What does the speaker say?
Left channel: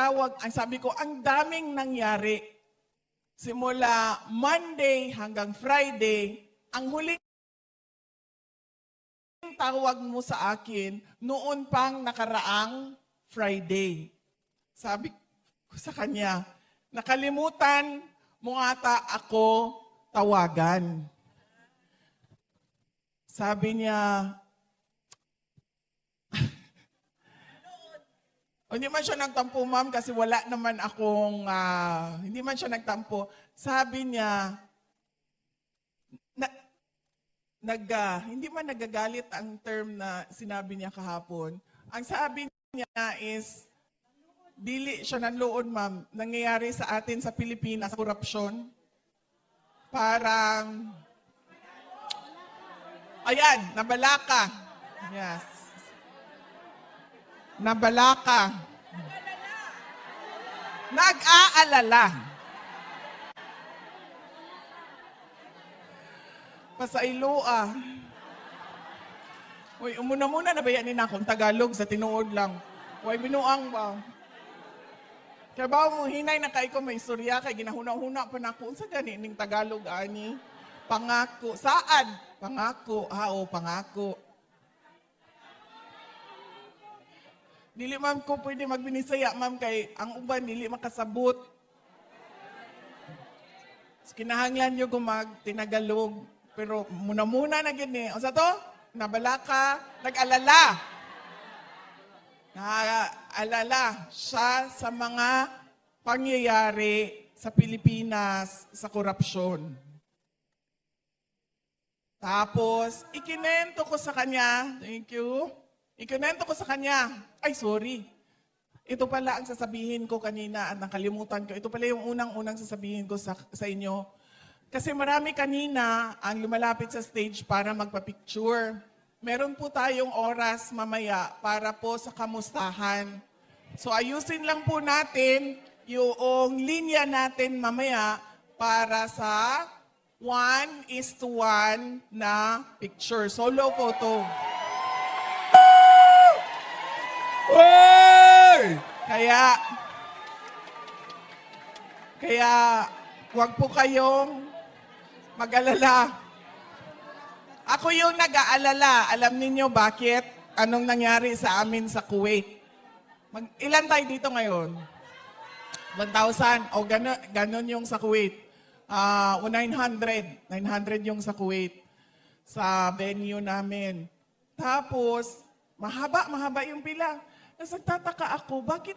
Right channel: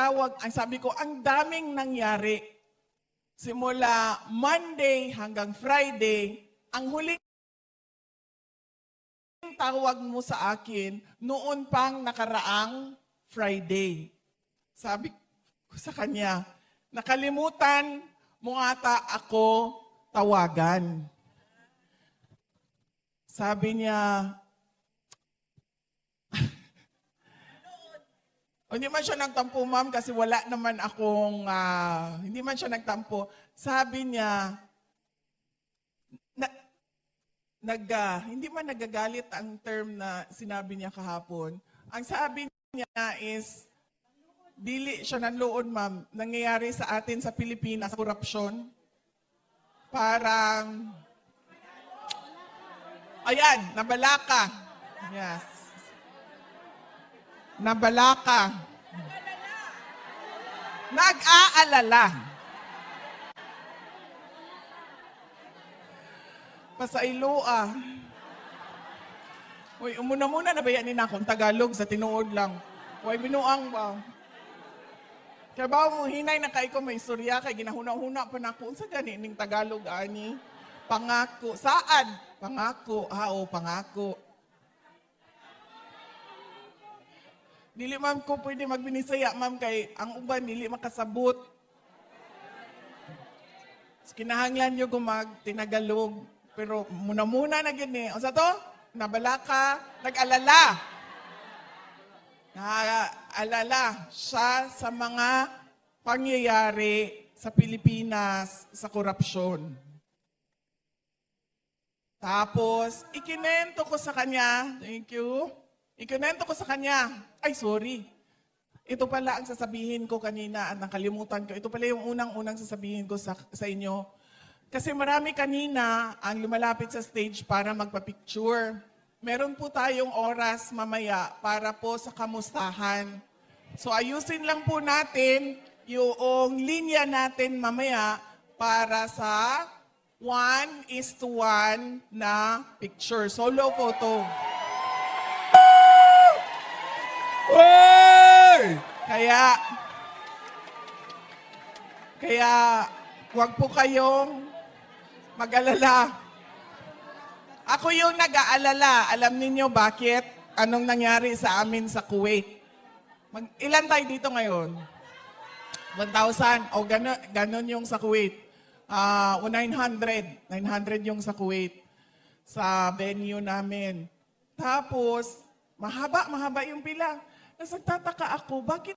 tumatawag, ang sabi ko, ang daming nangyari. Simula Monday hanggang Friday, ang huling tawag mo sa akin, noon pang nakaraang Friday. Sabi ko sa kanya, nakalimutan mo ata ako tawagan. Sabi niya, hindi man siya nagtampo, ma'am, kasi wala naman akong, hindi man siya nagtampo. Sabi niya, hindi man nagagalit ang term na sinabi niya kahapon. Ang sabi niya is, dili siya nanloon, ma'am, nangyayari sa atin sa Pilipinas, korupsyon. Parang, ayan, nabalaka. Yes. Nabalaka. Nag-aalala. Pasailo Uy, umuna-muna na bayanin na akong Tagalog sa tinuod lang. Uy, binuang ba? Kaya ba mo, hinay na kay ko may istorya kay ginahuna-huna pa na kung sa ning Tagalog, ani? Pangako. Saan? Pangako. Pangako. Dili ma'am ko pwede magbinisaya, ma'am, kay ang uban dili makasabot. Kinahanglan nyo tinagalog. Pero muna-muna na gini. Asa to? Nabalaka. Nag-alala. Nag-alala siya sa mga pangyayari sa Pilipinas sa korupsyon. Tapos, ikinento ko sa kanya. Thank you. Ikinento ko sa kanya. Ay, sorry. Ito pala ang sasabihin ko kanina. Nakalimutan ko. Ito pala yung unang-unang sasabihin ko sa inyo. Kasi marami kanina ang lumalapit sa stage para magpa-picture. Meron po tayong oras mamaya para po sa kamustahan. So ayusin lang po natin yung linya natin mamaya para sa 1:1 na picture. Solo photo. Hey! Kaya huwag po kayong mag-alala. Ako yung nag-aalala. Alam niyo bakit? Anong nangyari sa amin sa Kuwait? Ilan tayo dito ngayon? 1,000. O ganun yung sa Kuwait. 900. 900 yung sa Kuwait. Sa venue namin. Tapos, mahaba yung pila. Tapos nagtataka ako, bakit